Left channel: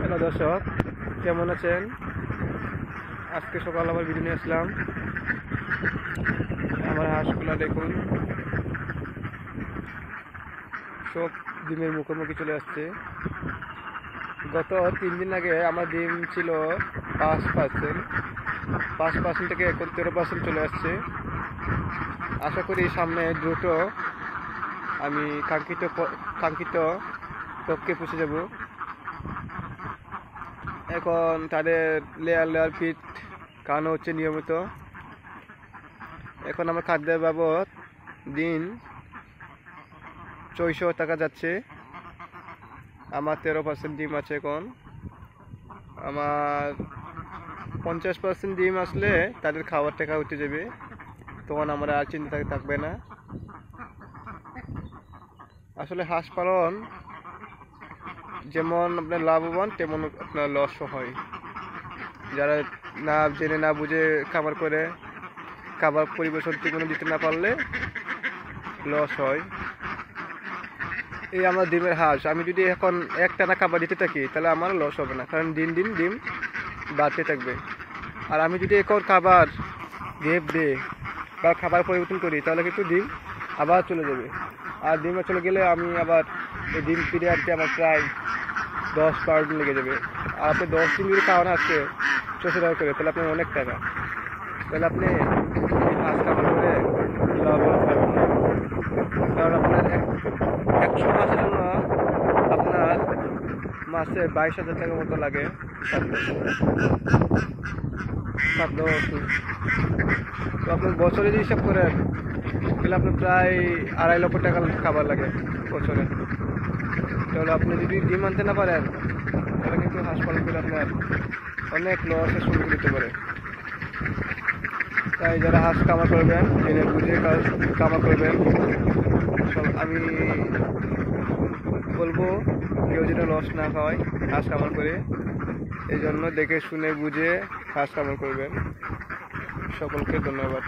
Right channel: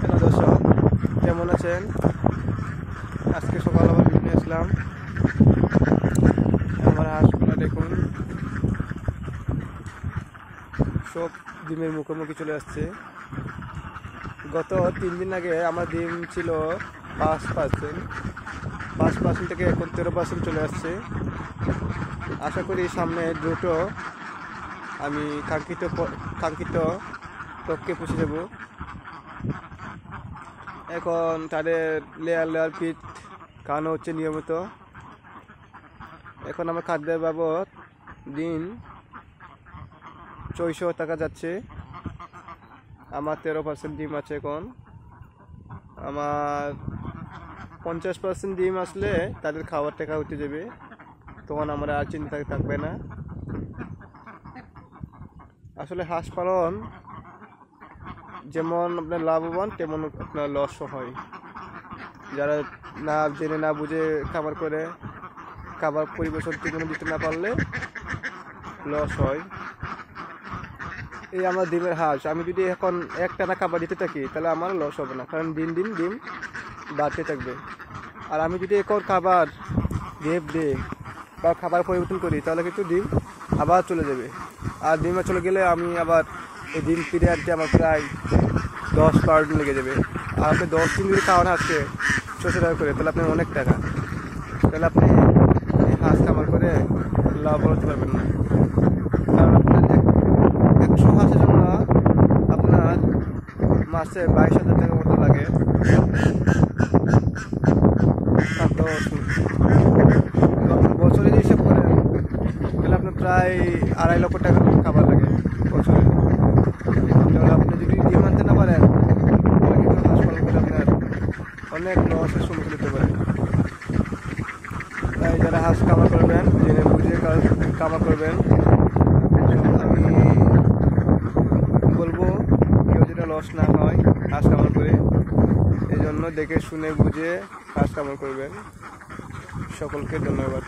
Hello দর্শক, কেমন আছেন? আজকে সকাল আবার ভিডিও নিয়ে আসলাম। আমার হাঁসগুলা দেখুন, সব ডিমের মুখোমুখি চলে আসছে। গত 3 দিন আগে আমার ডিম ছিল 5% থেকে এখন 13% চলে আসছে। আশা করি সামনে দ্রুত আমি কাঙ্ক্ষিত লক্ষ্যে পৌঁছে যাব। এখন তাদের লেয়ার ফিট খাওয়ানো হচ্ছে নিয়মিত। এখন আমার খাদ্যের বাবদ দিন 600 টাকা যাচ্ছে। আমার 13% ডিম আছে। এখন আমার 50% ডিম আসলে তাদের খাওয়ার টাকা উঠে যাবে, তখন আমার আর চিন্তা থাকবে না। আসলে হাঁস পালন যেমন আপনার লাভবান, তেমন আপনার লসও হয়। যারা না জেনে না বুঝে খাবার করে খাবার পরিবেশন ঠিকমতো দিতে না পারলে লস হয়। এই আমার ডিমের হাঁস, আমি যদি এখন একটানা খাবার দিতে থাকি তাহলে আমার লস হবে না, কারণ দিন দিন ডিম বাড়তে থাকবে। আর আমি যদি এখন খাবার গ্যাপ দিই বা খাবার পরিবর্তন করি তাহলে কিন্তু ডিম আবার চলে যাবে। আর ডিমে চলে গেলে আমি আবার এই ডিম ফিরে আনতে আমার প্রায় 10-12 দিন লেগে যাবে। আর আপনি 10 দিন যদি খাওয়ান হাঁসকে 600 টাকা করে, তাহলে আপনার অনেক টাকা। তাহলে আপনি হাঁস খাবার করে লাভ করতে পারবেন না, কারণ আপনার 100 হাঁসের জন্য আপনার মাসে 22,000 টাকার মতো লাগে খাদ্য ওষুধ। তো আপনার বছরে যে হিসাব করেন তাহলে আপনার প্রায় 2.5 লক্ষ টাকার খাবার লাগে বছরে। তাহলে আপনি যদি ডিম আনতে না পারেন তাহলে কিন্তু হাঁস পালন করে আপনার অনেক লসের সম্মুখীন হতে পারে। তাই যারা হাঁস খামার করবেন জেনে বুঝে খামার করবেন। আমি বলবো কেউ যেন লস না হয় হাঁস খামার করে, এই জন্য দেখে শুনে বুঝে হাঁস খামার করবেন। সকলকে ধন্যবাদ।